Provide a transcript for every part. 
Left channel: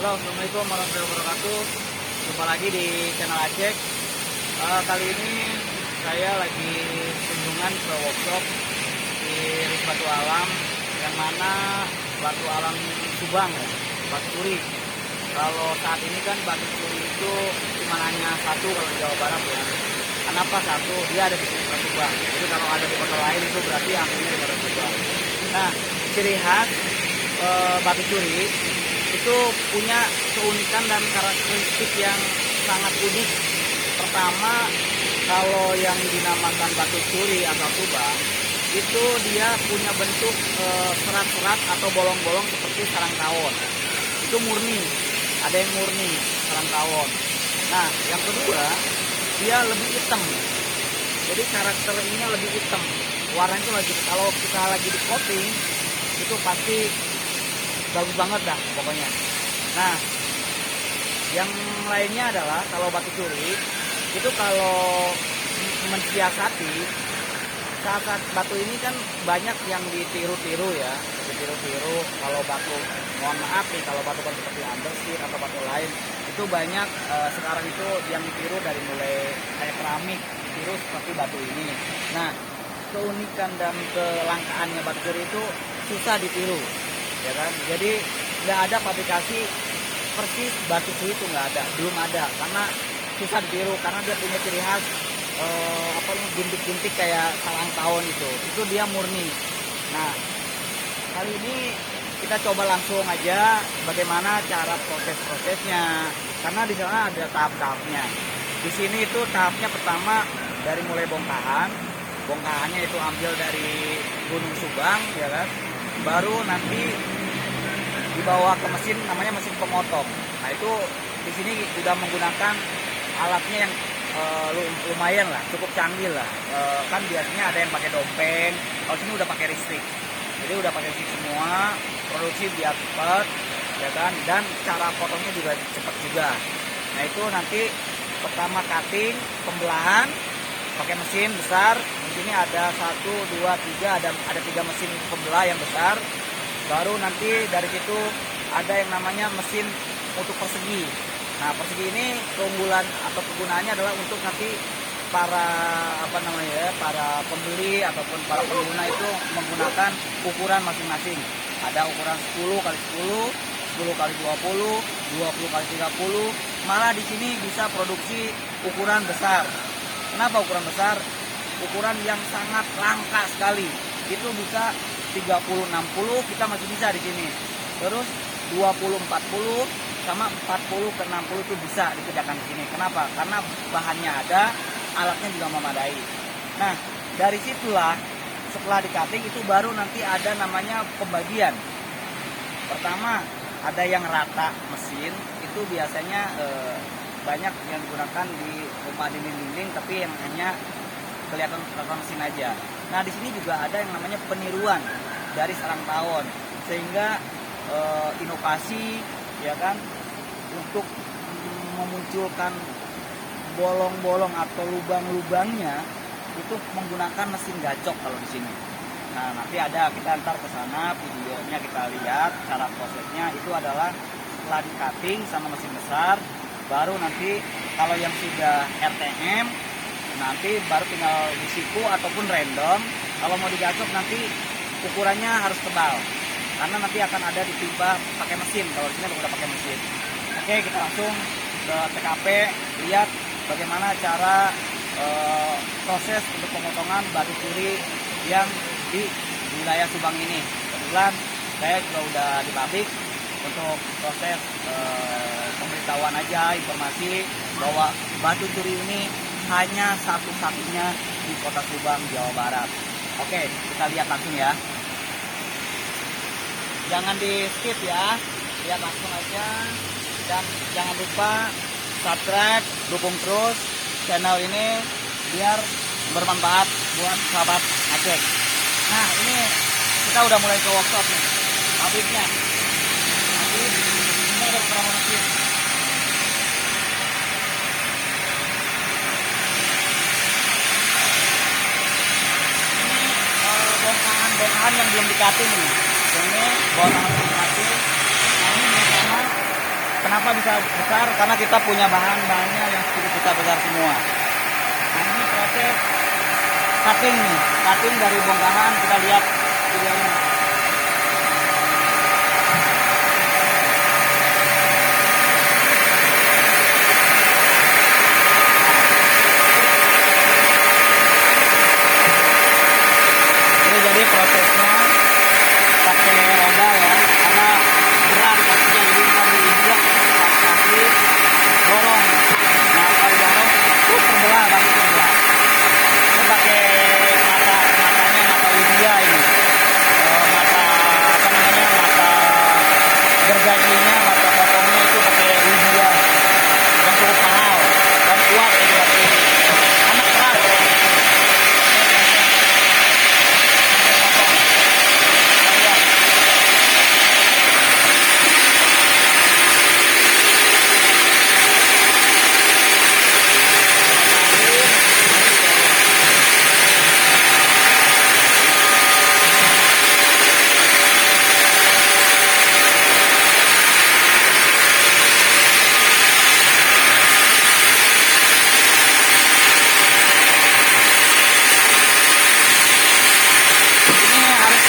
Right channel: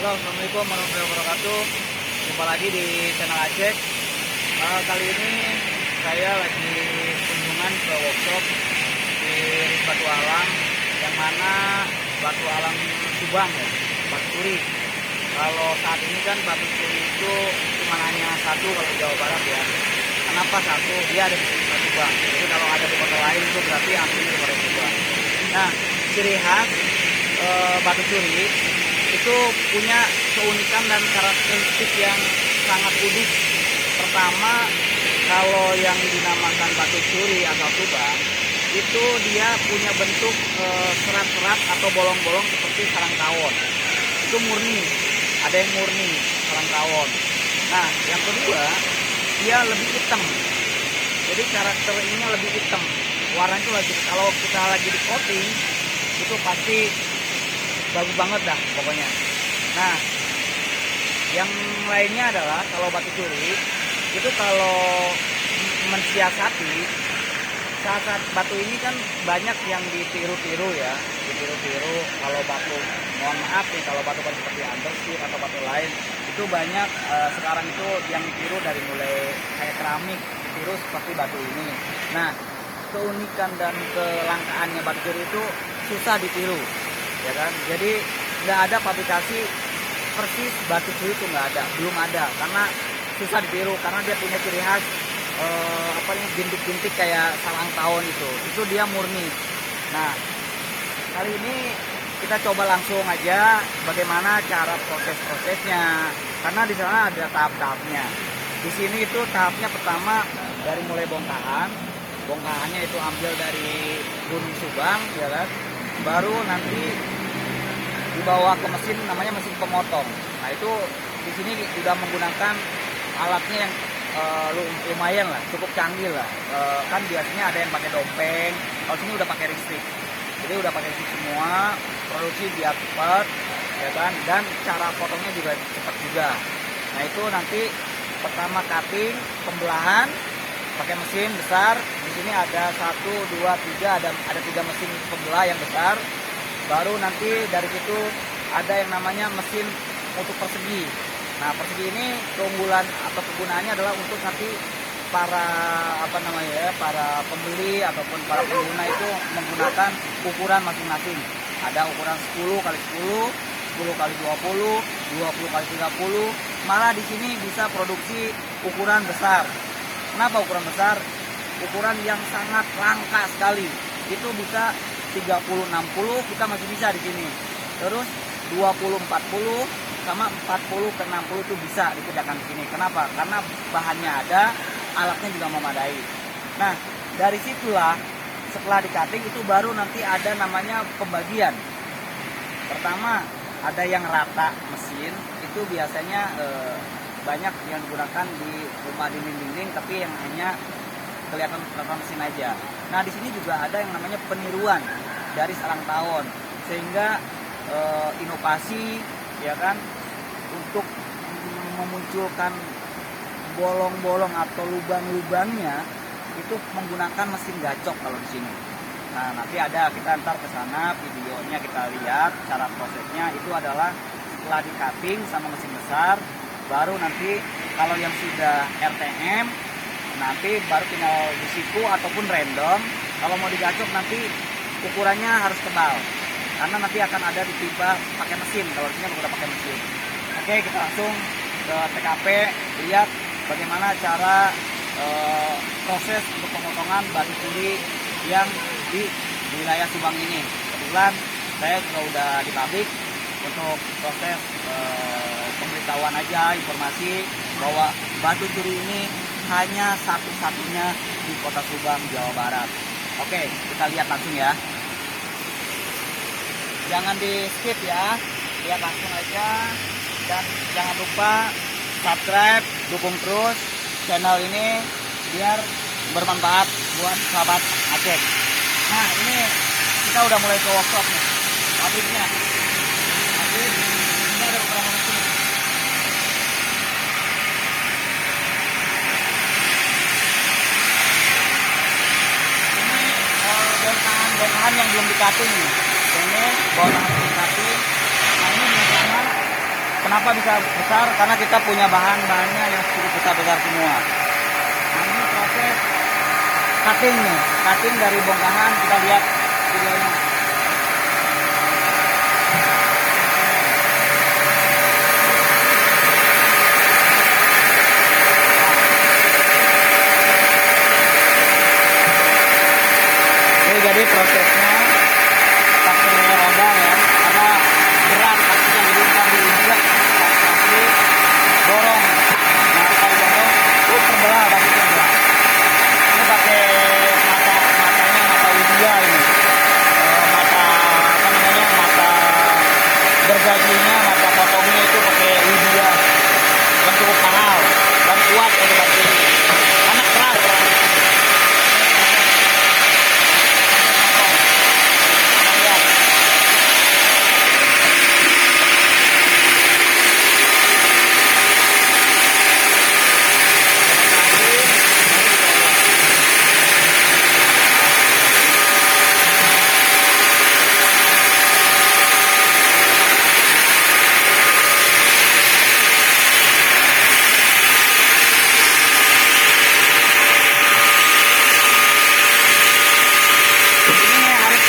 Halo, assalamualaikum warahmatullahi wabarakatuh. Jumpa lagi di channel Acek. Kali ini saya lagi kunjungan ke workshop di Ring Batu Alam, yang mana batu alam Subang ya, batu turi. Kalau saat ini kan batu turi itu cuma hanya satu kalau di Jawa Barat ya. Kenapa satu? Dia ada di Subang. Jadi kalau ada di kota lain itu berarti aslinya di kota Subang. Nah, ciri khas batu turi itu punya keunikan dan karakteristik yang sangat unik. Pertama, kalau yang dinamakan batu turi asal Subang itu dia punya bentuk serat-serat atau bolong-bolong seperti sarang tawon. Itu murni, ada yang murni sarang tawon. Nah, yang kedua, dia lebih hitam. Jadi karakter ininya lebih hitam. Warnanya itu lagi, kalau kita lagi di coating itu pasti bagus banget dah pokoknya. Nah, yang lainnya adalah kalau batu turi itu kalau mensiasati saat batu ini kan banyak yang ditiru-tiru ya, ditiru-tiru. Kalau batu, mohon maaf nih, kalau batu seperti andesit atau batu lain itu banyak sekarang itu yang ditiru dari mulai kayak keramik, ditiru seperti batu ini. Nah, keunikan dan kelangkaannya batu turi itu susah ditiru, ya kan? Jadi nggak ada fabrikasi persis batu turi itu, nggak ada, belum ada, karena susah ditiru, karena dia punya ciri khas bintik-bintik kayak sarang tawon itu dia murni. Nah, kali ini kita coba langsung aja bagaimana cara proses-prosesnya, karena di sana ada tahap-tahapnya. Di sini itu tahapnya pertama dari mulai bongkahannya itu ambil dari Gunung Subang, ya kan? Baru nanti dibawa ke mesin, namanya mesin pemotong. Nah, itu di sini sudah menggunakan alatnya yang lumayan lah, cukup canggih lah. Kan biasanya ada yang pakai dompeng, kalau sini udah pakai listrik. Jadi udah pakai listrik semua, produksi biar cepat, ya kan? Dan cara potongnya juga cepat juga. Nah, itu nanti pertama cutting, pembelahan pakai mesin besar. Di sini ada 1, 2, 3, ada 3 mesin pembelah yang besar. Baru nanti dari situ ada yang namanya mesin untuk persegi. Nah, persegi ini keunggulan atau kegunaannya adalah untuk nanti para para pembeli ataupun para pengguna itu menggunakan ukuran masing-masing. Ada ukuran 10 x 10, 10 x 20, 20 x 30. Malah di sini bisa produksi ukuran besar. Kenapa ukuran besar? Ukuran yang sangat langka sekali. Itu bisa 30-60 kita masih bisa di sini. Terus 20-40 sama 40-60 itu bisa dikerjakan di sini. Kenapa? Karena bahannya ada, alatnya juga memadai. Nah, dari situlah setelah di-cutting itu baru nanti ada namanya pembagian. Pertama, ada yang rata mesin, itu biasanya banyak yang digunakan di rumah dinding-dinding, tapi yang hanya kelihatan mesin aja. Nah, di sini juga ada yang namanya peniruan dari sarang tawon, sehingga inovasi, ya kan, untuk memunculkan bolong-bolong atau lubang-lubangnya itu menggunakan mesin gacok kalau di sini. Nah, nanti ada, kita antar ke sana videonya, kita lihat cara prosesnya. Itu adalah setelah di cutting sama mesin besar, baru nanti kalau yang sudah RTM nanti baru tinggal disiku ataupun random. Kalau mau digacok nanti ukurannya harus tebal, karena nanti akan ada ditimpa pakai mesin. Kalau di sini udah pakai mesin. Oke, kita langsung ke TKP, lihat bagaimana cara proses untuk pemotongan batu turi yang di wilayah Subang ini. Kebetulan saya juga udah di pabrik untuk proses pemberitahuan aja, informasi bahwa batu turi ini hanya satu-satunya di kota Subang, Jawa Barat. Oke, kita lihat langsung ya. Jangan di skip ya, lihat langsung aja. Dan jangan lupa subscribe, dukung terus channel ini biar bermanfaat buat sahabat Acek. Nah, ini kita udah mulai ke workshop nih, pabriknya. Nanti ini ada beberapa mesin. Bongkahan yang belum di-cutting nih. Ini bongkahan belum di-cutting. Nah, ini yang sama Kenapa bisa besar? Karena kita punya bahan-bahannya yang sudah kita bongkar semua. Nah, ini proses cutting nih, cutting dari bongkahan, kita lihat videonya. Ini jadi prosesnya pakai roda ya, karena berat pastinya, jadi kita diinjak kaki dorong. Nah kalau dorong itu terbelah, pasti terbelah. Ini pakai mata Widya ini. Mata apa namanya, mata gergajinya, mata potongnya itu pakai Widya yang cukup mahal dan kuat untuk batu. Anak keras kalau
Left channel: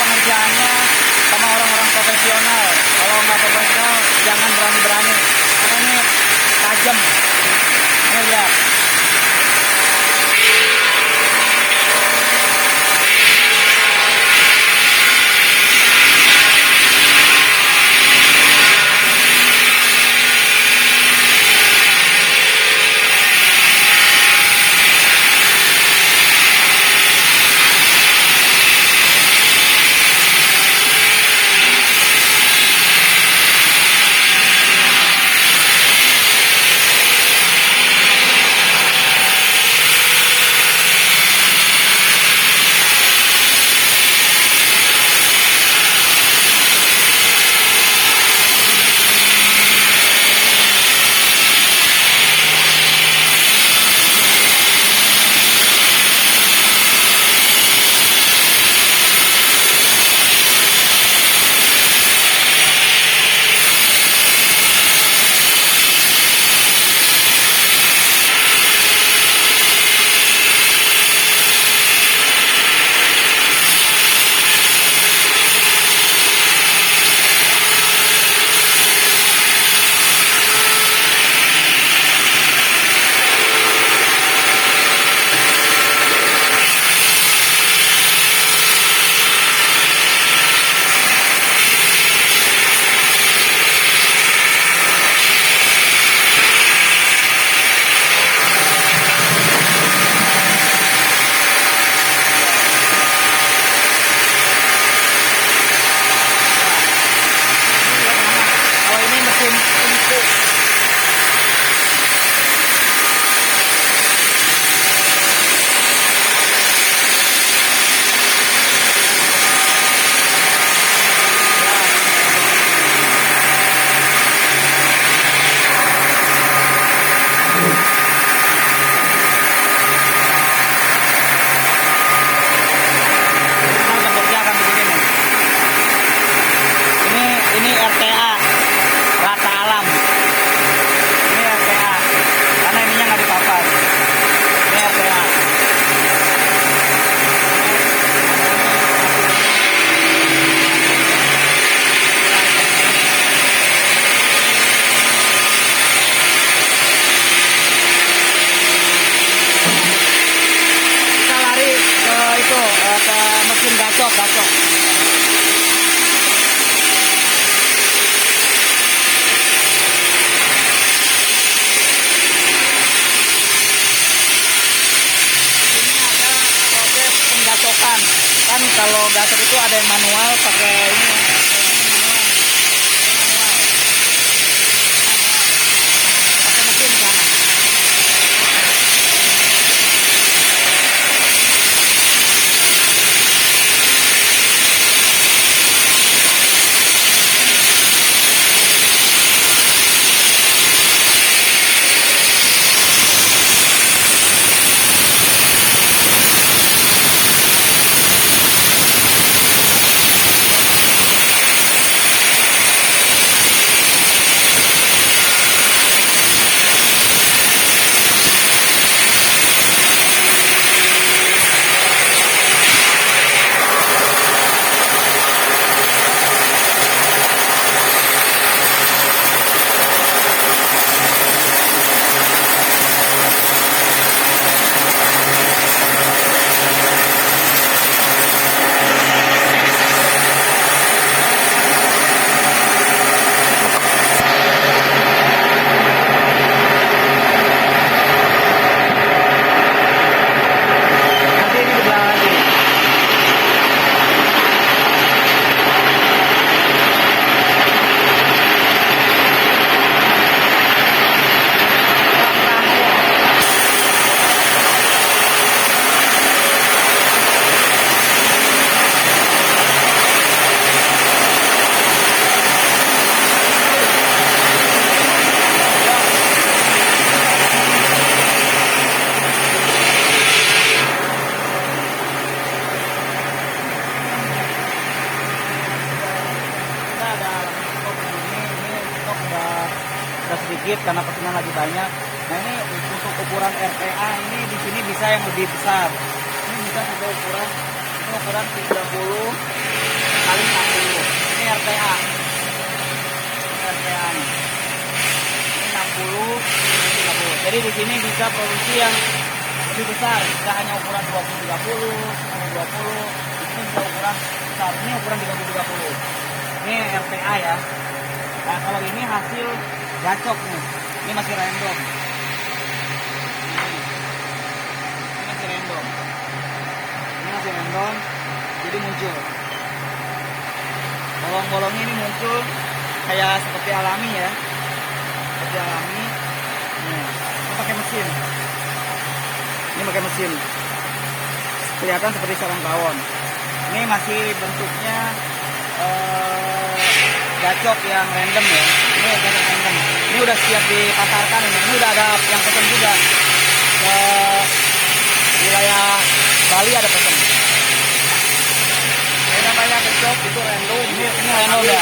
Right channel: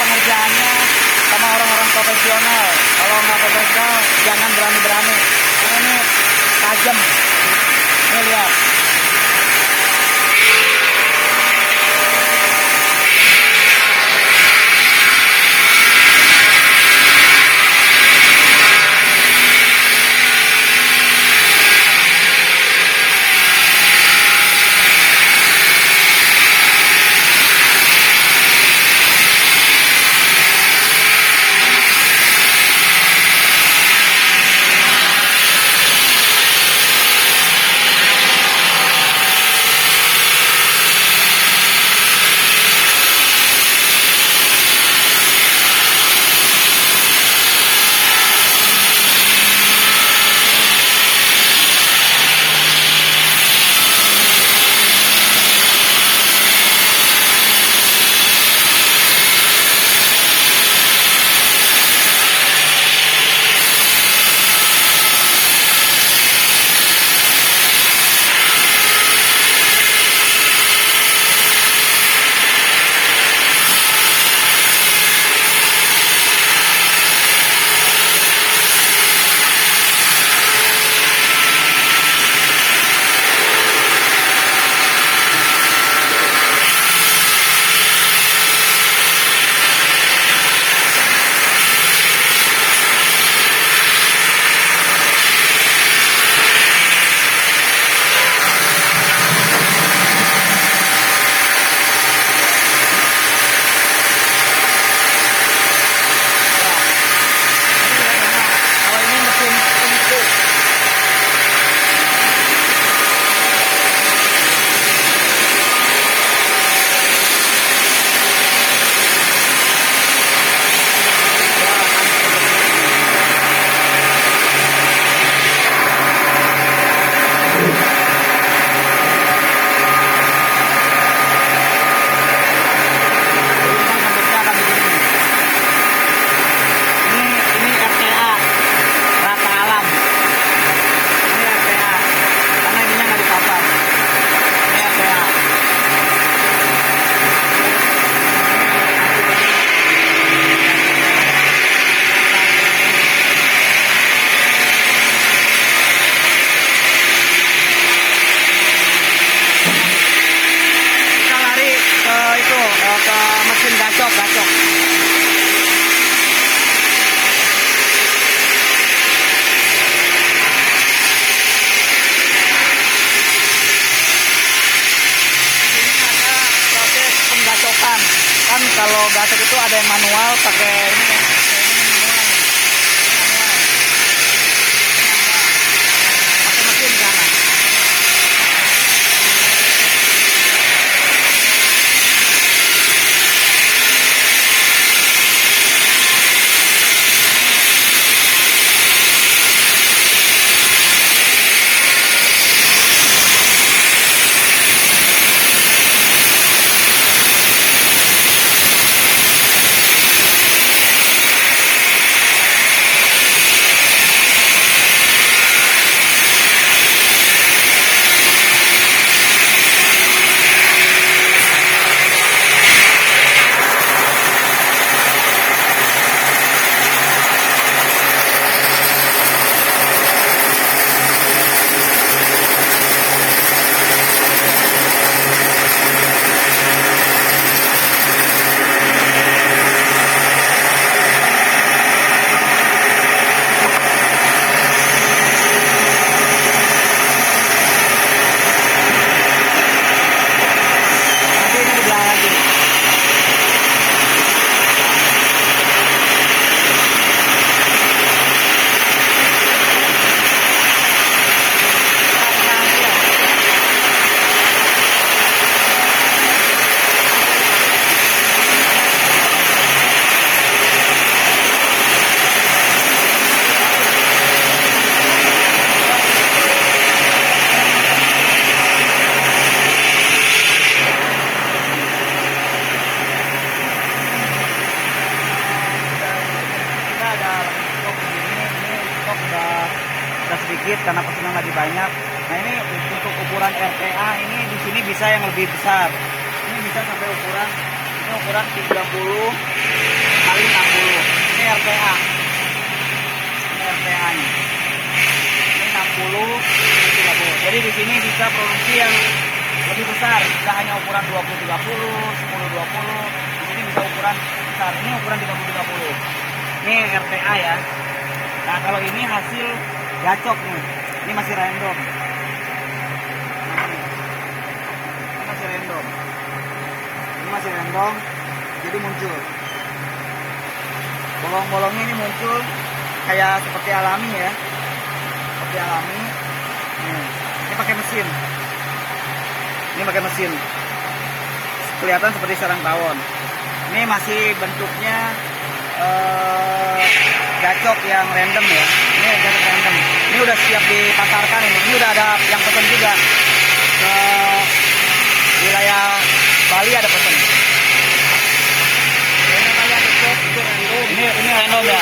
pengerjaannya sama orang-orang profesional. Kalau nggak profesional jangan berani-berani, karena ini tajam. Ini lihat. Ke mesin gacok. Penggacokan kan, kalau gacok itu ada yang manual pakai ini ya, pakai mesin sana. stok udah sedikit karena pesanan lagi banyak. Nah ini untuk ukuran RTA ini di sini bisa yang lebih besar. Ini bisa sampai ukuran 30 kali 60. Ini RTA. Ini RTA nya. Ini 60 ini 30. Jadi di sini bisa produksi yang lebih besar, tidak hanya ukuran 20-30, 10-20. Di sini bisa ukuran besar. Ini ukuran 30-30. Ini RTA ya. Nah kalau ini hasil gacok nih. Ini masih random. Ini masih random. Ini masih random. Jadi muncul. Bolong-bolongnya ini muncul kayak seperti alami ya. Seperti alami. Ini pakai mesin. Ini pakai mesin. Kelihatan seperti sarang tawon. Ini masih bentuknya gacok yang random ya. Ini gacok random. Ini udah siap dipasarkan ini. Ini udah ada yang pesan juga. Ke wilayah Bali ada pesan. Ini kayak gacok itu random. Ini random ya.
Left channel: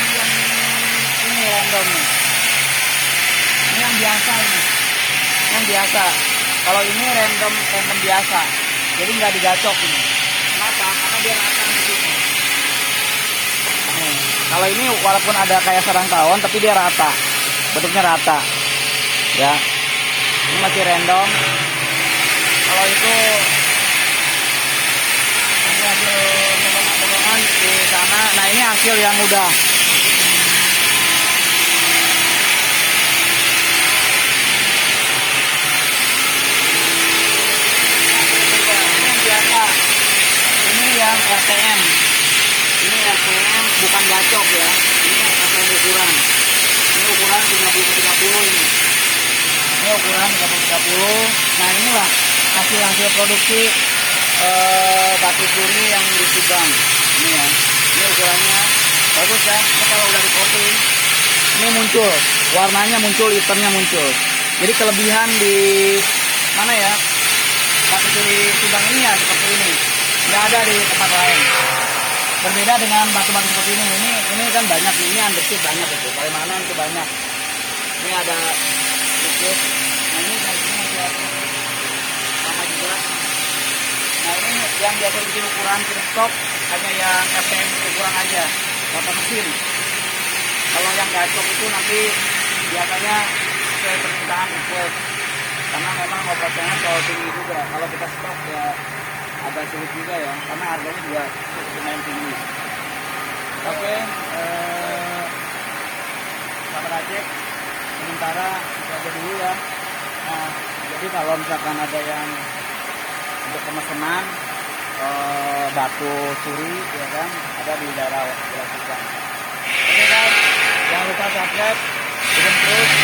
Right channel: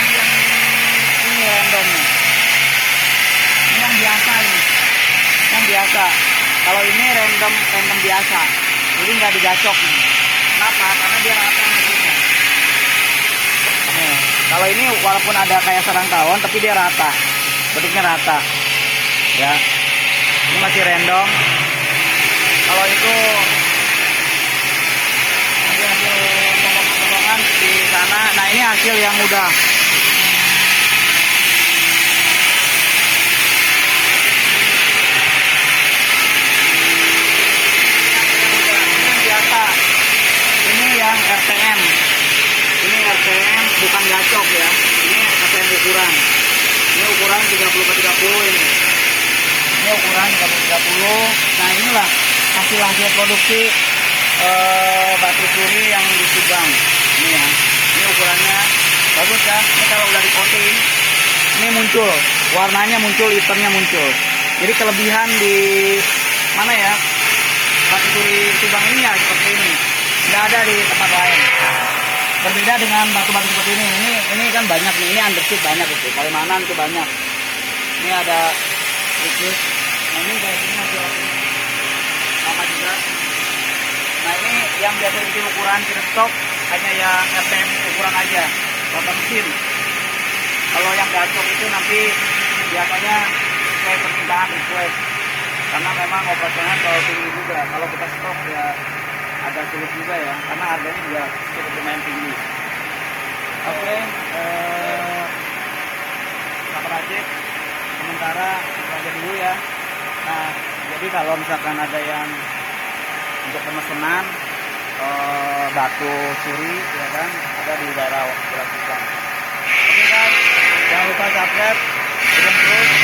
Yang ini random nih. Ini yang biasa ini. Yang biasa. Kalau ini random biasa. Jadi nggak digacok ini. Kenapa? Karena dia rata bentuknya. Kalau ini walaupun ada kayak sarang tawon tapi dia rata. Bentuknya rata. Ya. Ini masih random. Kalau itu hasil potongan di sana. Nah, ini hasil yang udah. Ini yang RTM. Ini RTM bukan gacok ya. Ini RTM ukuran. Ini ukuran 30-30 ini. Ini ukuran 30-30. Nah inilah hasil produksi batu suri yang di Subang. Ini ya. Ini ukurannya bagus kan. Ini kalau udah di coating, ini muncul. Warnanya muncul, hitamnya muncul. Jadi kelebihan di mana ya? Batu suri Subang ini ya seperti ini. Tidak ada di tempat lain. Berbeda dengan batu-batu seperti ini. Ini kan banyak nih. Ini andesit banyak itu. Palimanan itu banyak. Ini ada sedikit. Nah ini dari sini masih ada. Sama juga. Nah ini yang biasa bikin ukuran kita stok hanya yang RTM ukuran aja. Rata mesin. Kalau yang gacok itu nanti biasanya sesuai permintaan request. Karena memang operasional terlalu tinggi juga. Kalau kita stok ya agak sulit juga ya, karena harganya juga cukup lumayan tinggi. Oke, sahabat Aceh, sementara itu aja dulu ya. Nah, jadi kalau misalkan ada yang untuk pemesanan batu suri, ya kan, ada di daerah Subang. Oke guys, jangan lupa subscribe, dukung terus.